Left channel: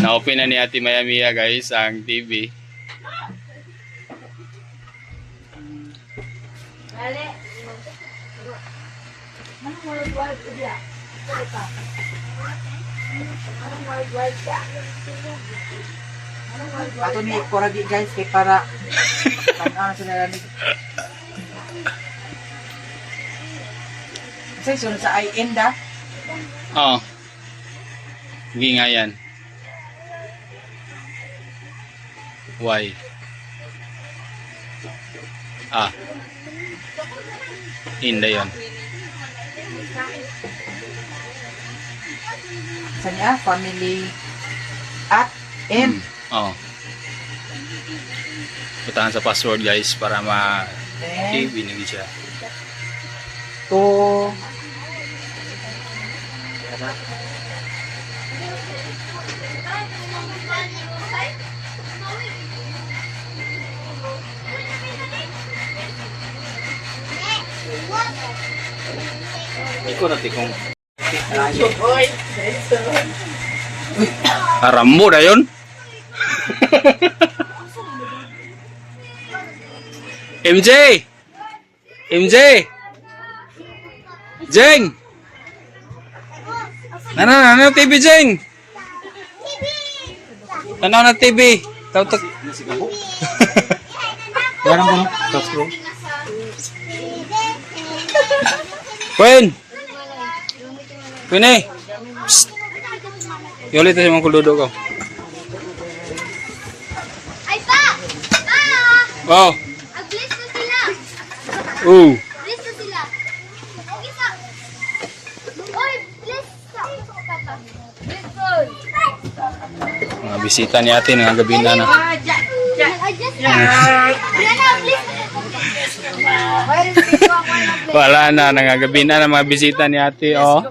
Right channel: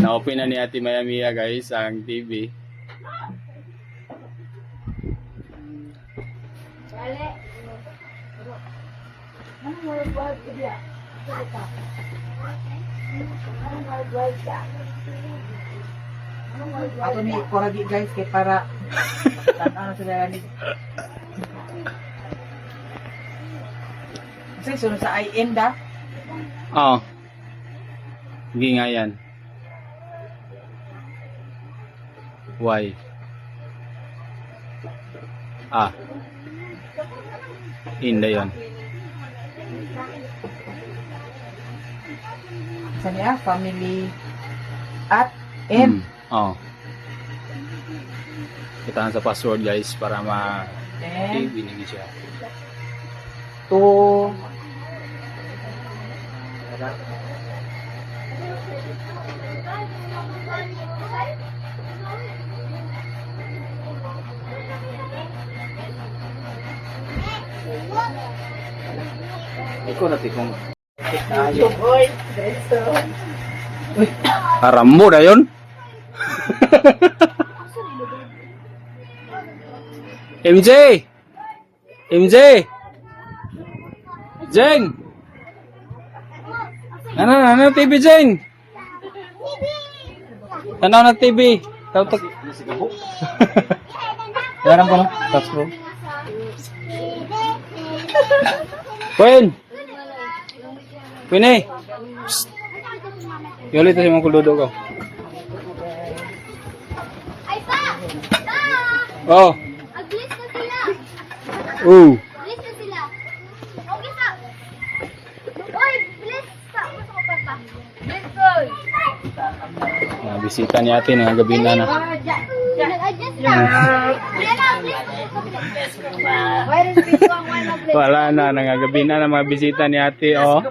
Na-open na ni Ate Maya Mia guys ang TV. Ato ni Koragi guys kay para tanaw sila ni. Kasi sunod sa IN da. Oh. Hindi nga yan. Why? Ah. Hindi yun. Sa niya family at N. Oh. Putahan sa password guys para Then TV nigi siya. to Ikaw na tikong. Oy. Haram mo na yun. MJ! MJ! Jeng! Ano TV Jeng? Ano na TV? Tautak. Yaran ko no? Pasko. Queen! Queen eh! Psst! Yoli ito si mga kuludo ko. Ay pa! Pa! Oh!Ag-bless na sila! Bless na sila! Okay sa! Oy! Bless sa! Gusto ko papa! Bless ko! Mga bisita ni ate ng gabi na na. Nag-adjust na! Wala na! Bless na! Wala na, nangagabi na ng mga bisita ni ate. Oh.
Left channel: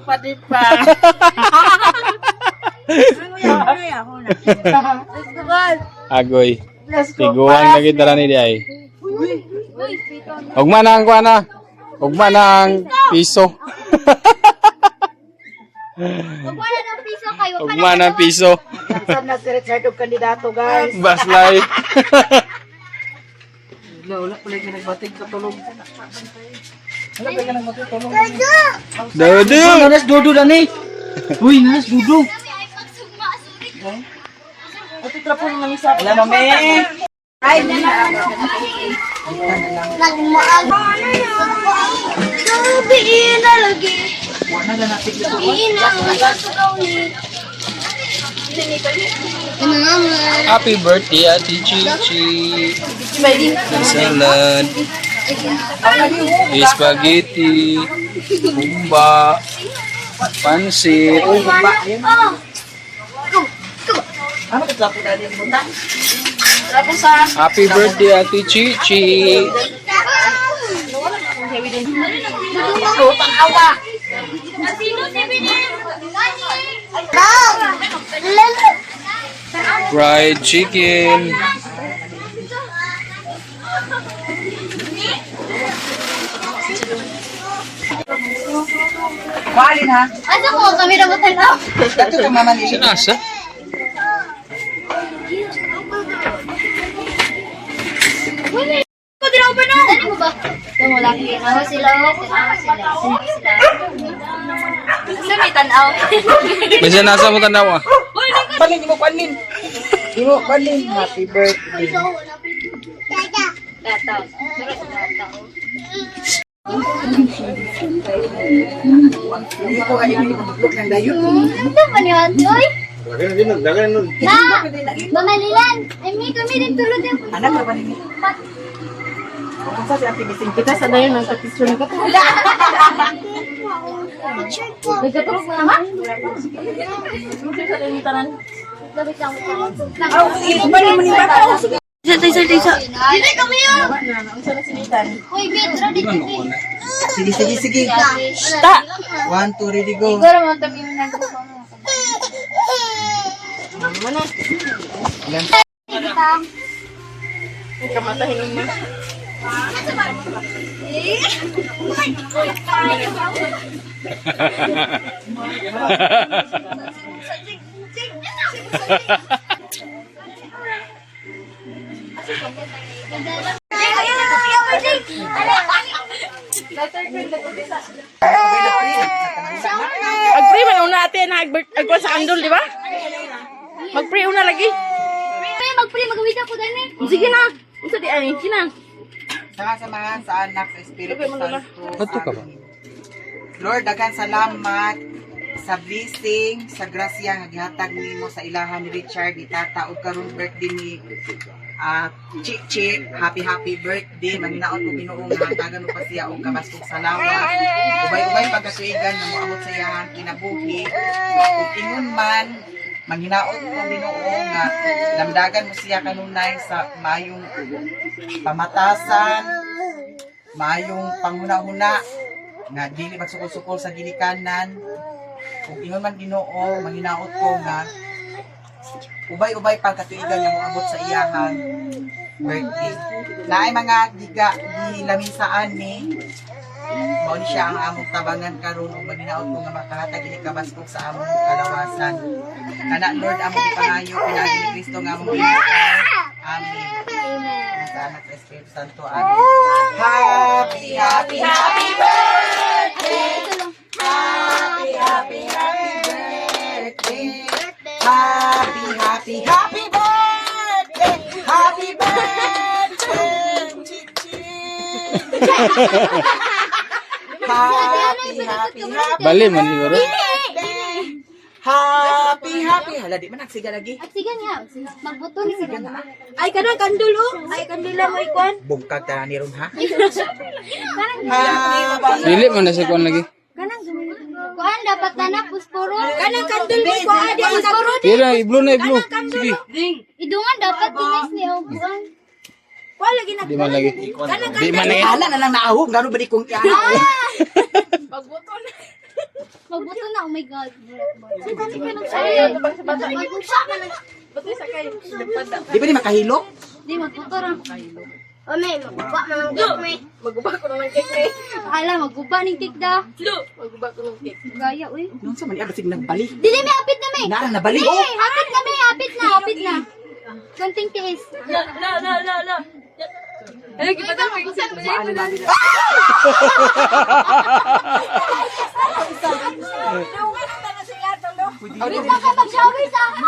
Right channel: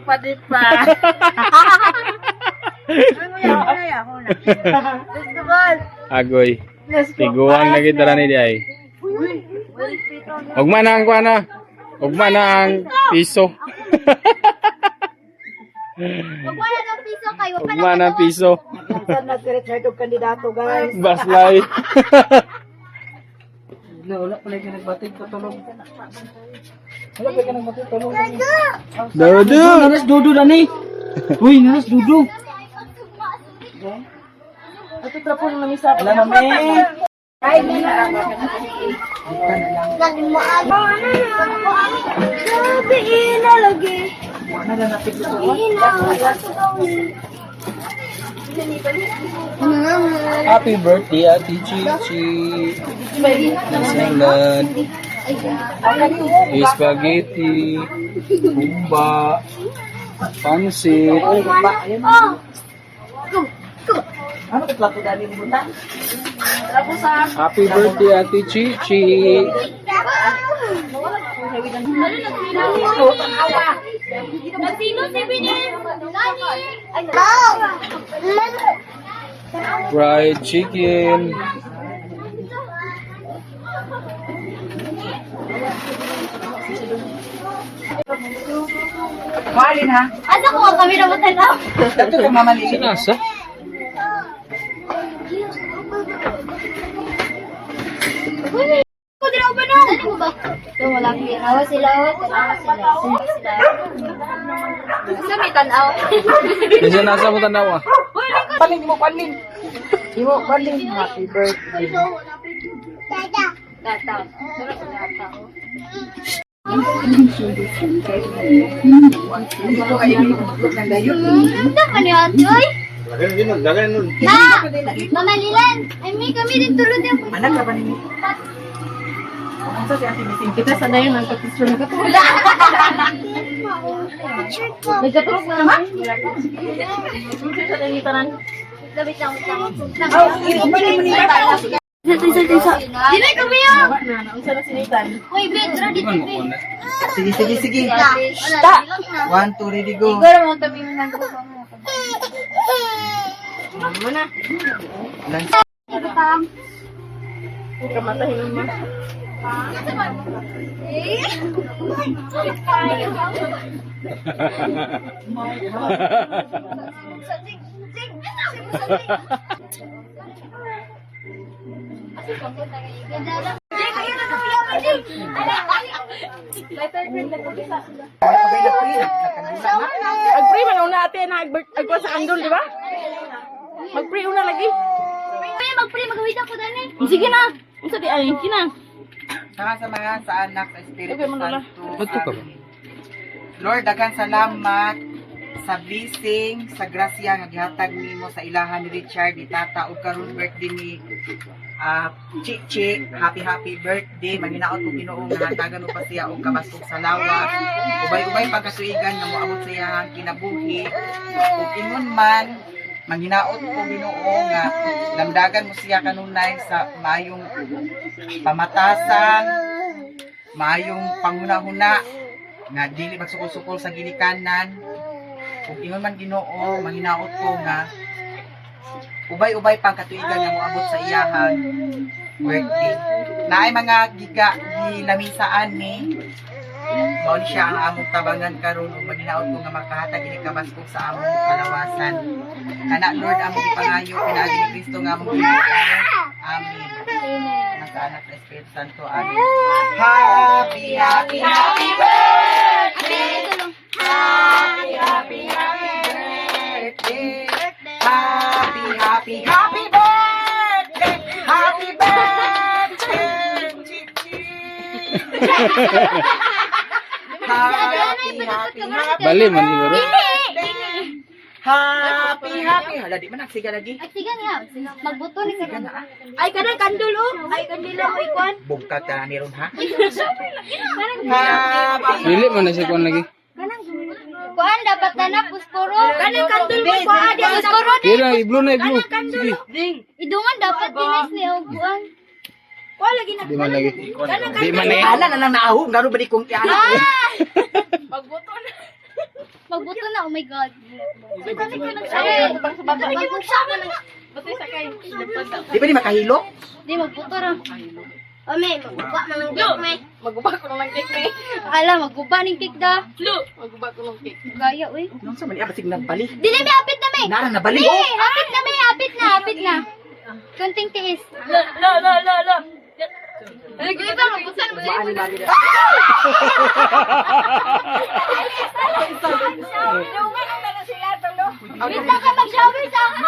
Agoy. Tiguan na kita ni ay. Ugma na ang kuana. Ugma na ang piso. Wala ng piso kayo! Ugma na ang piso. Saan na si Richard og kandidato guys? Baslay. Wala pala ka nagbatig sa tulog. Wala pala ka nagbatig sa tulog. Dodo. Nanas dudu lang eh. Uy, nanas dudu. Ito trapong na misa. Wala mami. Ay, nana. Sabi na lagi! Naganatik ito. Happy birthday Ate Chichi. Salad. Spaghetti. Bumba. Pansit. Ano ka trapo dali mo ta? Trapo sa Happy birthday Ate Chichi. Sino si Binin? Fried chicken. Kualin ha. Asa ko kami na matanaw? Ito ka mamali. Sinasa? Kudraw ba na? Ano mo ba? Tumulaki. Awa sila. Gusto may tanaw. May sinasa mo tanaw ah. Palin mo palin. Imo palin. Happy birthday. Lataw. Hindi ko kayo ibuklog ng dayo. Ganda pa ni Andoy. Na! Mamalilan! Ay, may kami din tulog yung Anak ka ba ni? Kung sa siya timiting kita sa dayo ng pagkisyon ko. nagkatulog na naman? Labit lang. Balik mo ni bata. Isa. Dili kami yun! Unsa na sinitan? Uy, Pedro, dito kami. Sige. Stop! 1 2 ready go. Siguro mo tabi mo nagkuha mo. Kamatahin mo. Mag-pray man una ate na agkuan sa kandol, di ba? Mag-pray una lagi. Mag-pray, mag-awit ako dani. Sige na. Unsa di ay kinang. Sama-samahan sa anak sa Espiritu Santo. Bato ka ba? Amen. Lord, daghang salamat sa blessing, sa grasya nga gihatag nimo sa ilahan ni Richard, ni Tata, ug karon birthday ni Chichi. Happy birthday. Manginaot ko Ginoo nga hatagan mo pa siya og kabastog sa lawas. Ubay-ubay pagkatuigan nga moabot sa iyang kinabuhi. Ug ingon man manginaot ko Ginoo nga lamdagan mo siya kanunay sa mayong pamatasan, mayong panghuna-huna nga dili magsukol-sukol sa gilikanan. Kung ingon man Ginoo, manginaot ko nga ubay-ubay pang katuigan nga moabot sa iyahang birthday. Naay mga gilamisaan ni mao ni siya ang among tabangan karon ug manginaot ko nga makahatag ini kabaskog sa among kalawasan. Kana Lord among gipangayo pinaagi ni Kristo nga among Ginoo. Amen. Nasa anak sa Espiritu Santo. Amen. Happy birthday. Happy birthday. Happy birthday. Happy birthday. Chichi. Happy. Bali man siguro. Happy. Hala, di man nagsiga lagi. Agsigan nga. Magbuto ni siya. Ay kanang kandol oh. Ay kandila mo ikuan. Bungkag ka ni ron ha. Dili man na sa kuan lagi. Kuan dapat na pusporo. Kanang kandol mo kuan adi Pusporo. Kira i-blue na i-blue. Sige. Idungan dapat dinis ni og kuan. Kuan lagi na. Di man lagi. Di man lagi. Ana na lang naahog garo ba di kong tiyan. Magbuto na. Magbuto na, oh my god. Sige ko lang sa. Magbuto na. Buti sakay. Di ba di makahilo? Di magbuto ra. Ome, magguba na ng cake me. Maguba ko ng cake ni. Ala, magguba ning cake da. Maguba ko ng cake. Gaya uy. Nung sa mali abasig nagbali. Dili mi hapit na me. Nara nabali. Dili, hapit na. Kunting tiis. La. Ay, kita ba mabusan mo siya? Wait lang ka mag-shower sa akin.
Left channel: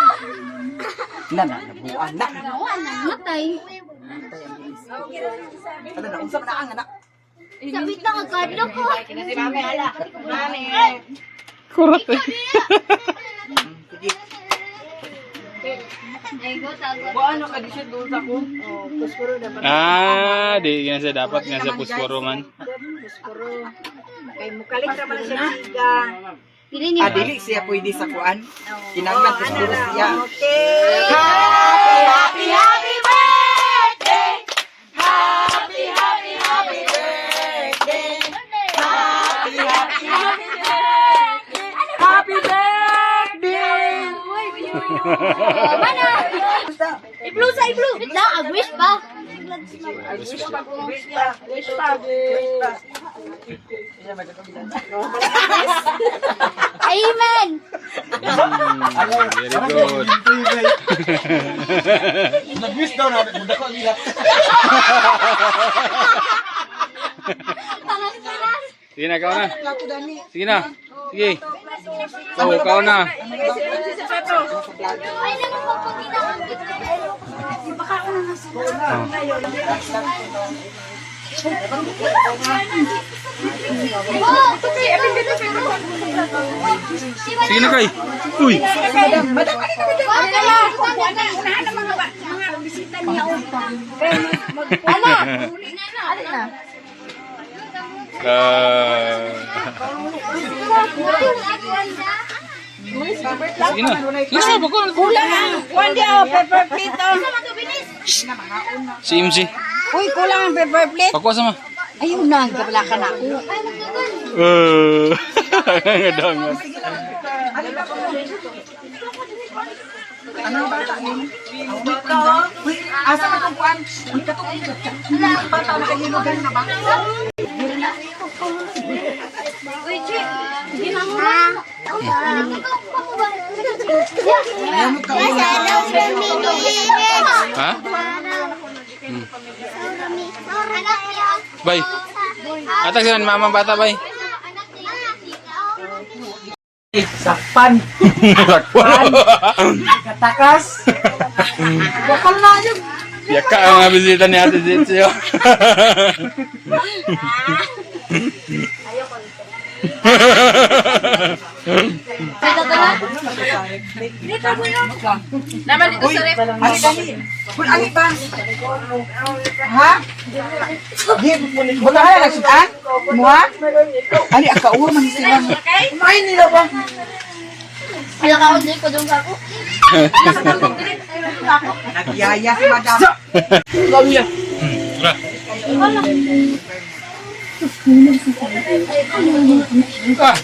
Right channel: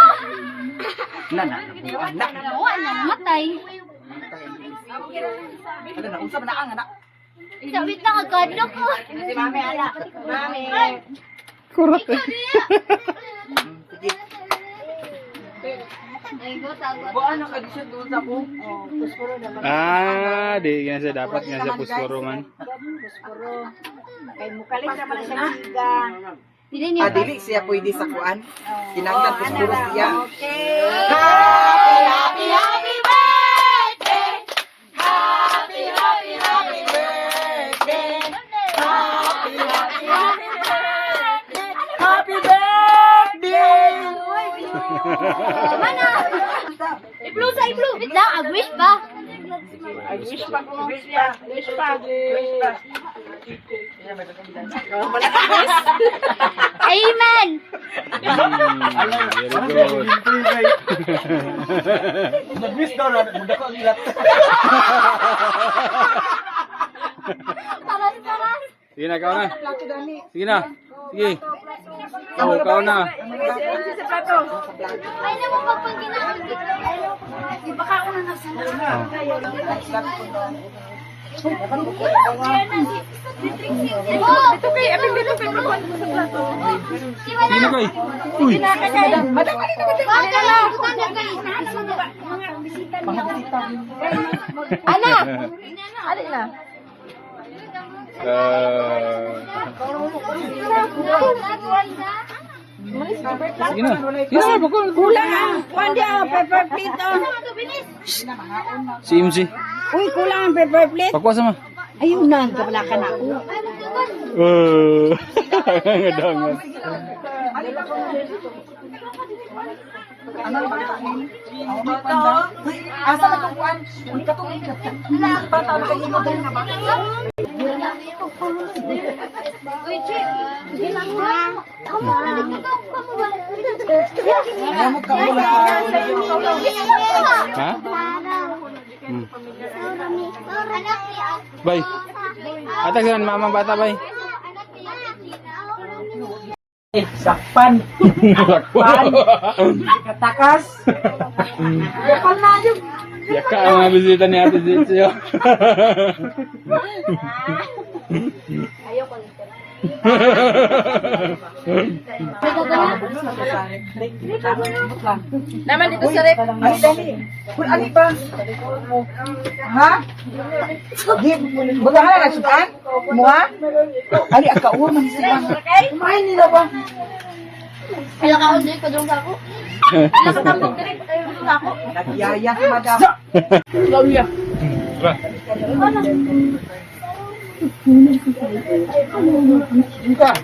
Nana, nabuan na. Oo, namatay. Kada na usab na ang anak. Sabit na agad ko. Si mami, ala. Mami. Kurot eh. Sige. Ego, tago. Ano ka di siya doon sa ko? Oh, pusporo naman. Di nga sa dapat nga sa pusporo man. Pusporo. Kay mukalit ka pala siya giga. Dili niya. Dili siya pwede sa kuan. Kinanglan ko siguro siya. Okay. Happy birthday. Happy birthday. Oh, mana? I-blue. Wait lang,ag-wish pa. Wish pa ko. Wish pa. Amen. Very good. Nag-wish daw na mudako ang ilat. Paras. Sige na, ikaw na. Sige na. Sige. Oh, ikaw na. Ay, naman magpagkinaon. Oh, Sige na, Kay. Uy. Ano? Sige na. Sige na, bakul. Kuan dia paper plate. Si MC. Uy, kulang ang paper plate. Pakuha sama. Ayun na, kabala ka na ako. Ngadang. Asa man tong kuan? Uy, Chi. Hindi na mo. Ayaw mo ka mula. Ha? Bay. Atag sila mama bata bay. Sakpan. Katakas. Bakal na yun. Yaka ang mga bisita ni Ate Zitio. Naman dito sa rep. Ali dali. Kung ali ba? Ha? Buta ka na nagsudan? Mua? Ali, akauwa man sila. Kumain nila ba? Wala ka ulit ko doon ako. Nagyaya si madam. Tara.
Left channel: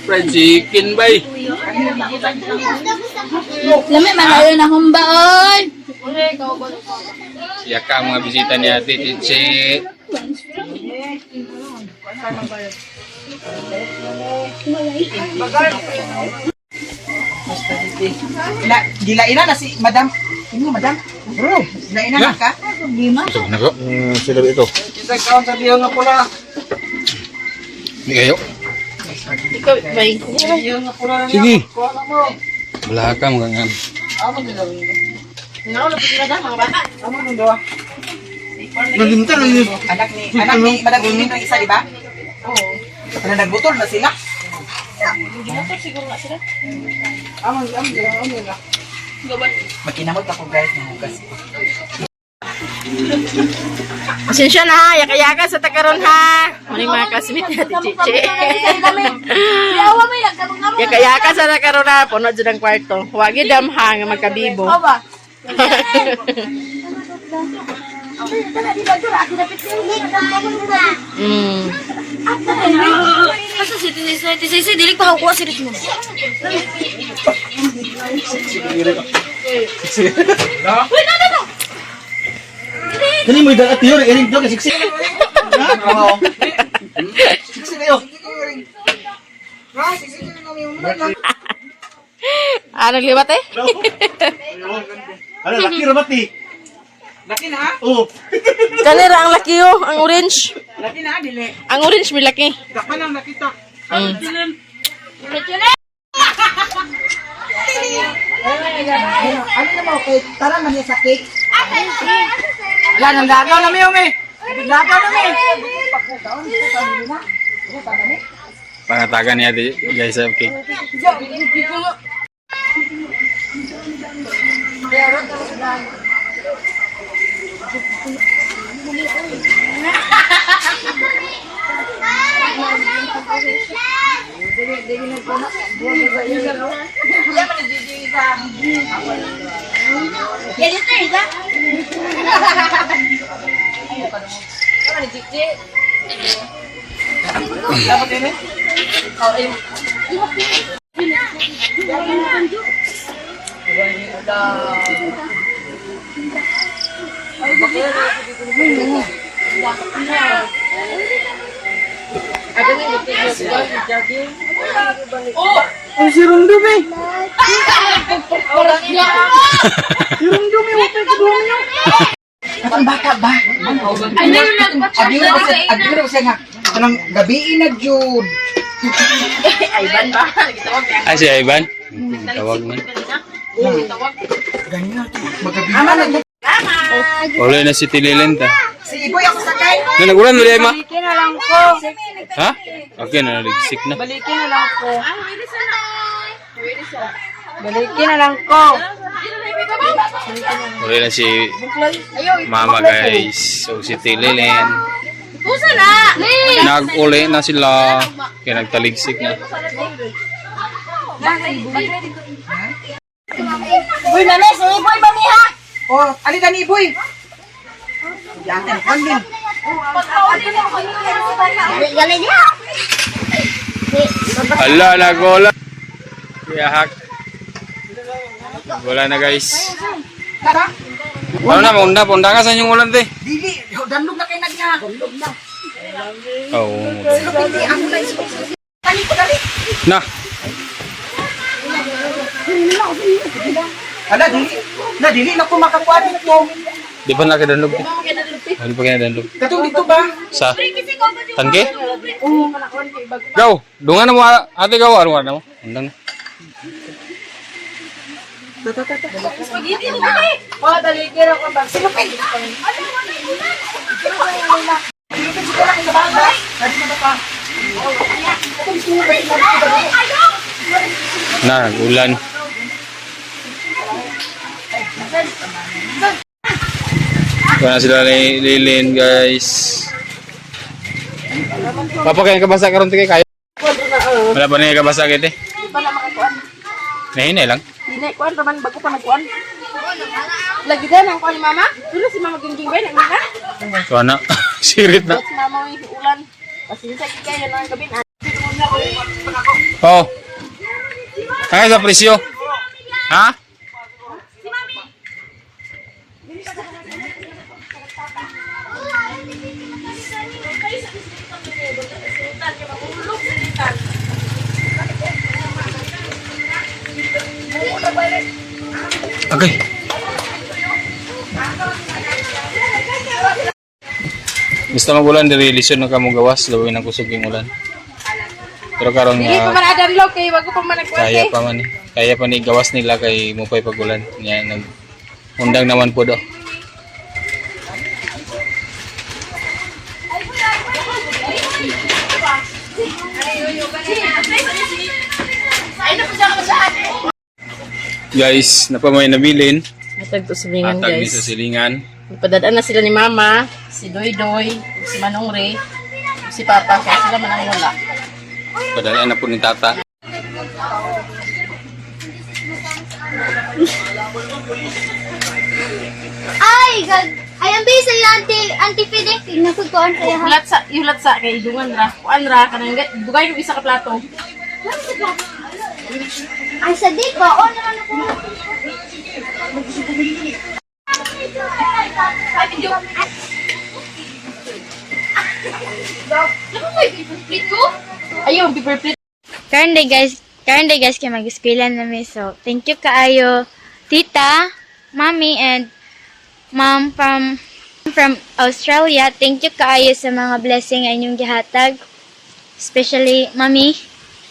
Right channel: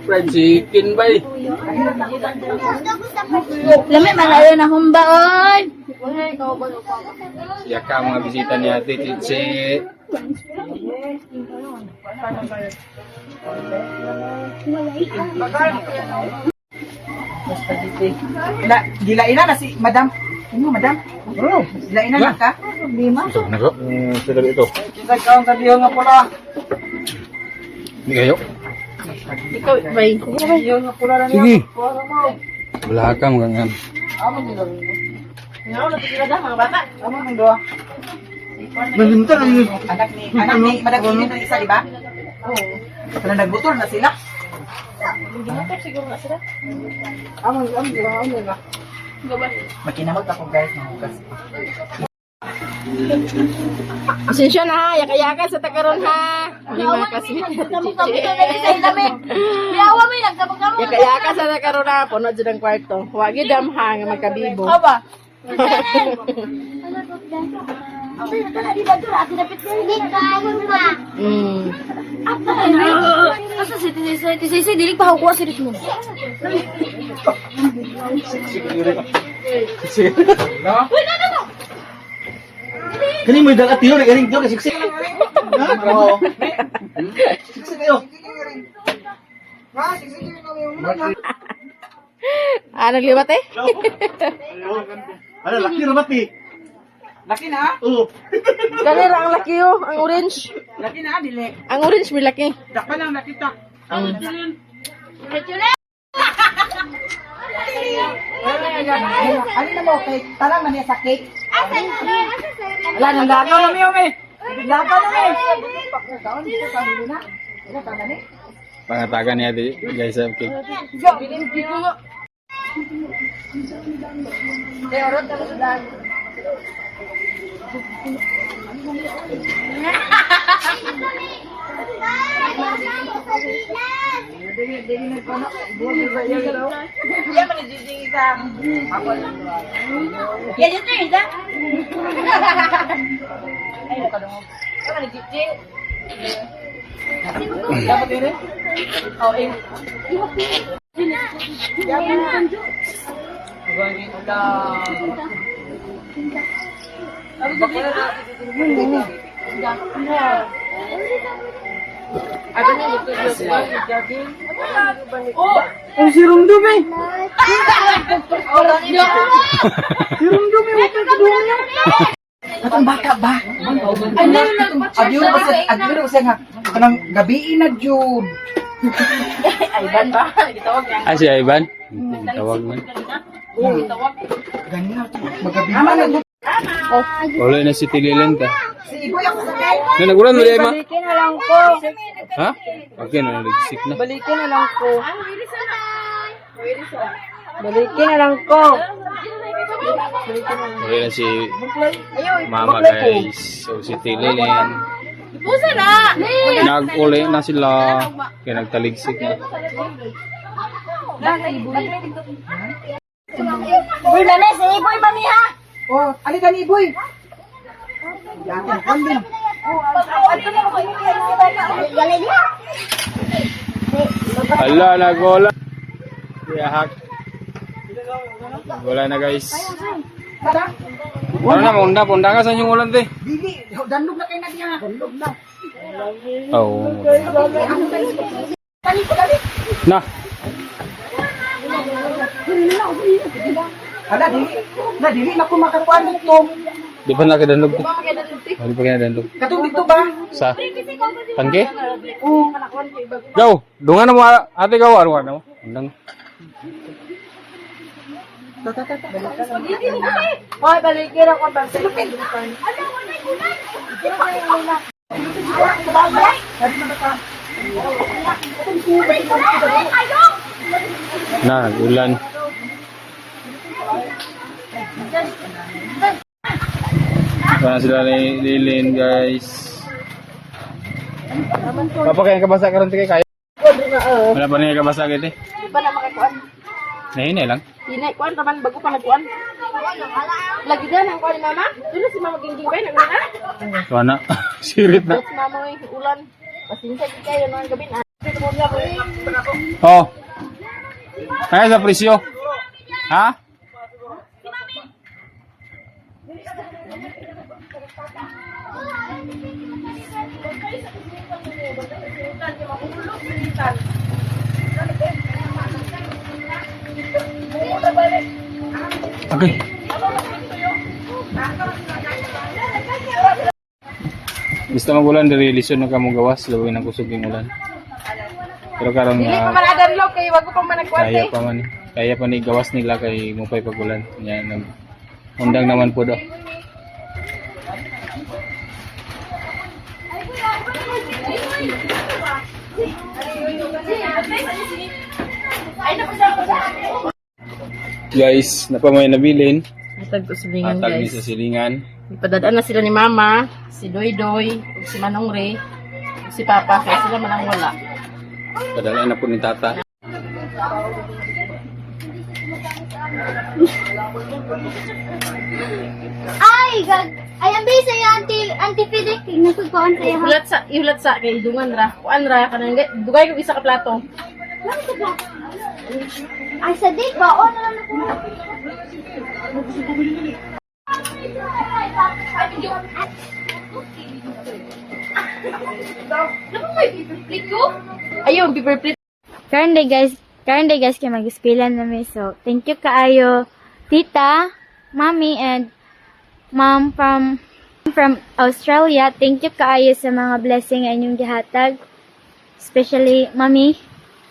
Fried chicken bay. Lami, malayo na humba, oy. Yaka ang mga bisita ni Ate Chichi. Gilaina na si madam. Ano, madam? Gilaina na ka? Ito na ko. Sila ito. Kita kaon sa biyo nga pula. Hindi kayo. Ikaw, bay. Sige. Wala ka mga nga. Nga, napitira dyan, mga bata. Anak ni madam Ingrid ang isa, di ba? Oo. Pero nagbutol na sila. Ginotor siguro nga sila. Makinamot ako guys ng hugas. Pasensya na ha, yaka-yaka sa takaron ha. Maling mga kasmit ni Ate Chichi. Yaka-yaka sa takaron ha, puno dyan ang kwarto. Huwag idam ha, nga magkabibo. Mm. Sisi, dilik pa ako sirit mo. Kani mo dagat yun, ering to kasi Oo. siksi kayo. Naglibat eh? Ano laki ramat ni? Laki na? Oh. Kanira ang laki oh, ang orange. Laki na, dili. Ang orange may laki. Dakpa lang nakita. Mm. Ano na mo, cake? Tara man niya sa cake. Wala, nang lagaw na miyo, me. Lagaw na, me. Pangatagan ni Ate guys. Okay. Oh, si Rungdum, eh. Si Rungdum, eh. Wala ka doon niya. Katong bata ba? Agyo na ba siya nga? Kanang gabiin na, Jude. Ivan ba? Ay si Ivan. Tawag man. Ganyan. Magabiin na. Wala na si Tililenta. Si Iboy ako sakay. Nagulan mo di ma? Balikin na lang ko. Ha? Okay na naligsik na. Balikin na lang ko. Balikin na lang ko. Wala na si Mama guys. So si Tililin. Pusa na! Nag-uli na sila. Kaya nagtaligsik na. Uy, names, iboy ba niya? Oh, ali ka ni Iboy. Yatin, kandil. Galing niya. Ala, nagola. Kaya hack. Wala na guys. Tara. Ano na, maunda. Punta ka sa inyong ulan te. Dili, damlog na kayo na niya. Damlog na. Oo. Ano na iso? Dali. Na. Hala, dili na ko makakuan ito. Di pa na kinadlog. Di pa kinadlog. Katong dito ba? Sa tangke? Gaw, dungan mo ate gaw ano mo? Undang. Oh, talikira ko ba? Na, ulan. Ito na sila ni Lilin, guys. Papa, kaya kabasa karon tigay kayo? Wala pa niya kabasa kiti? Di pa na makakuan. Nahinay lang. Hinay kuan raman bago pa nagkuan. Lagi din ang kuan ni mama. Dulu si mama gingging ba nagmana? So na, sirit na. Si mama ay ulan. Pasensya kayo nang gabi na. Oh. Kaya sa presyo? Ha? Okay. Basta magulan diri lisod na kamo gawas lawin ang kusog yung ulan. Pero karon Dili nga pa man adamlo kay bago pa man nagkuan. kaya pa man. Kaya pa ni gawas nila kay mupay pagulan. Nya nag undang naman po do. Guys, napamay nabilin. Atag to silingan Atag ni guys. sa silingan. Ipadadaan na sila ni mama, si Doy Doy, si Manong Ray, si Papa, kaya sila man ang wala. Padala na po ni tata. Ay, gag. Ay, ang bisa yung anti-feeding. Nagkukuhan sa yahan. Iulat sa kay dungan ra. Kuan ra kanang dugay yung isa ka plato. Ay, sa date ba? O, naman ako. Ayun, paper plate. Karon day guys kay mag-eskwela namin. So, thank you kaayo tita, mommy and mom from Australia. Thank you kaayo sa mga blessing nga inyong gihatag. Especially mommy.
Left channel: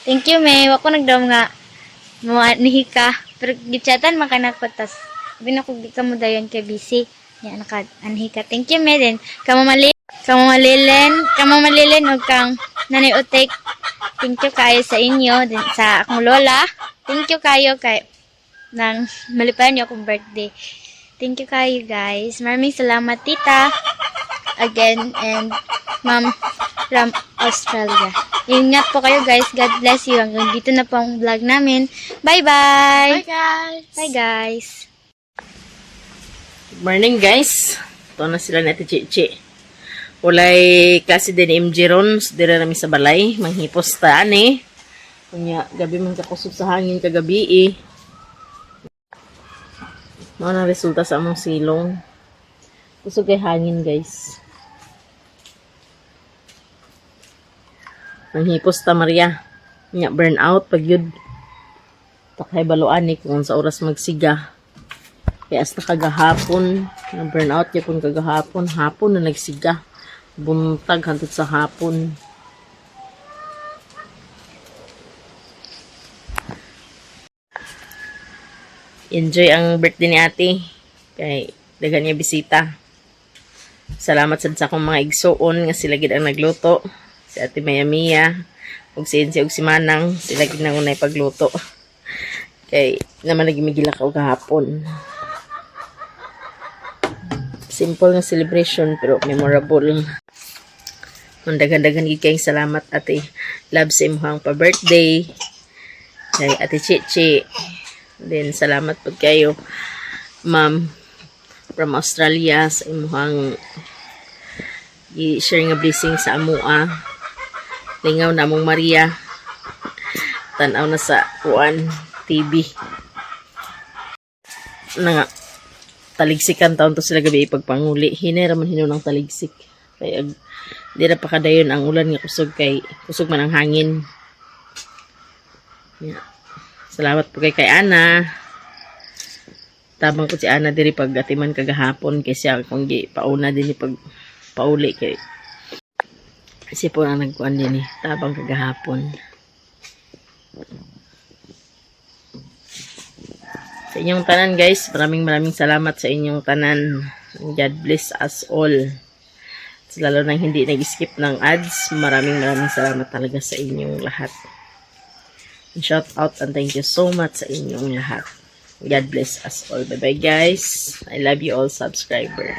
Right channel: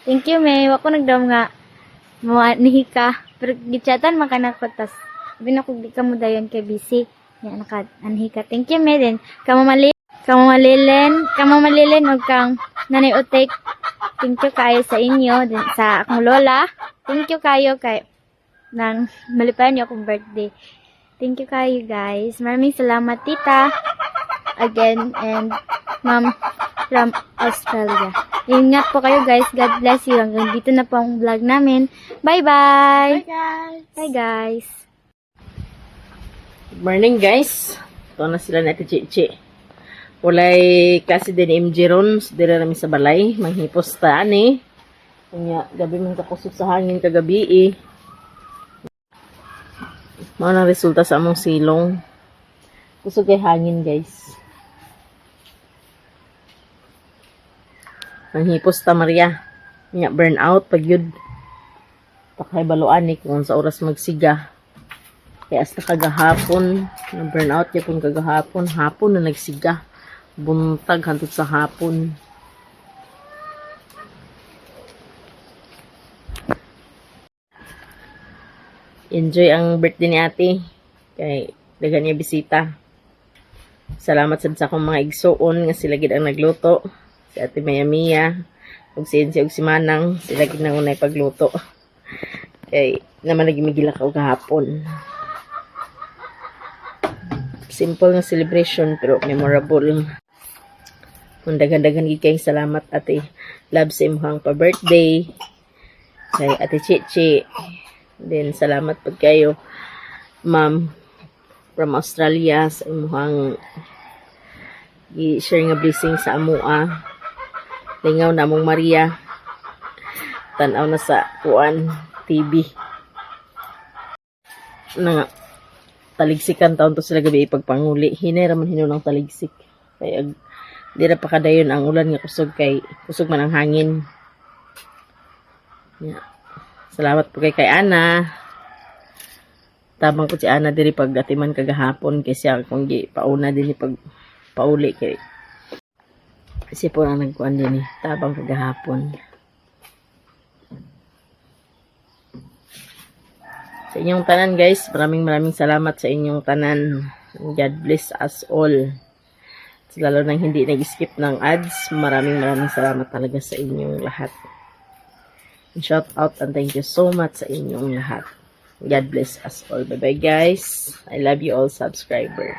Thank you may wako nagdam nga mo nihi ka. Pero gichatan man kanako tas sabi na ko di ka mo dayon kay busy. Ya naka anhi ka. Thank you me din. Kamo malilin og kang nanay utek. Thank you kayo sa inyo, din sa akong lola. Thank you kayo kay nang malipayan niyo akong birthday. Thank you kayo guys. Maraming salamat tita. Again and mom from Australia. Ingat po kayo guys. God bless you. Hanggang dito na po ang vlog namin. Bye-bye. Bye guys. Bye guys. Good morning guys. Ito na sila natin Chichi. Walay klase din MJ ron. Dira namin sa balay. Manghipos ta ani. Kanya gabi man kakusog sa hangin kagabi eh. Mga nang resulta sa among silong. Kusog kay hangin guys. Manghipos ta Maria. Nya burnout pag yun. Takay baluan ni kung sa oras magsiga. Kaya hasta kagahapon, na burnout niya pun kagahapon, hapon na nagsiga. Buntag hantod sa hapon. Enjoy ang birthday ni ate. Kay dagan niya bisita. Salamat sa akong mga igsoon nga sila gid ang nagluto. Si ate Maya Mia, ug si Enzi ug si Manang, sila gid nang unay pagluto. Kay naman nagimigila ka kahapon. Simple nga celebration pero memorable. Dagan-dagan gid kayong salamat ate. Love sa imong pa-birthday. Kay ate Chichi. Then salamat pud kayo ma'am from Australia sa imong i-share nga blessing sa amoa. Lingaw na mong Maria. Tanaw na sa kuan TV. Na taligsikan taon to sila gabi ipagpanguli. Hinera man hinunang taligsik. Kaya dira pa kadayon ang ulan nga kusog kay kusog man ang hangin. Yeah. Salamat po kay Ana. Tabang ko si Ana diri pag atiman kagahapon kay siya kung gi pauna din pag pauli kay kasi po na nagkuan din tabang kagahapon. Sa inyong tanan guys, maraming salamat sa inyong tanan. God bless us all. Lalo nang hindi nag-skip ng ads, maraming salamat talaga sa inyong lahat. Shout out and thank you so much sa inyong lahat. God bless us all. Bye bye guys. I love you all subscriber.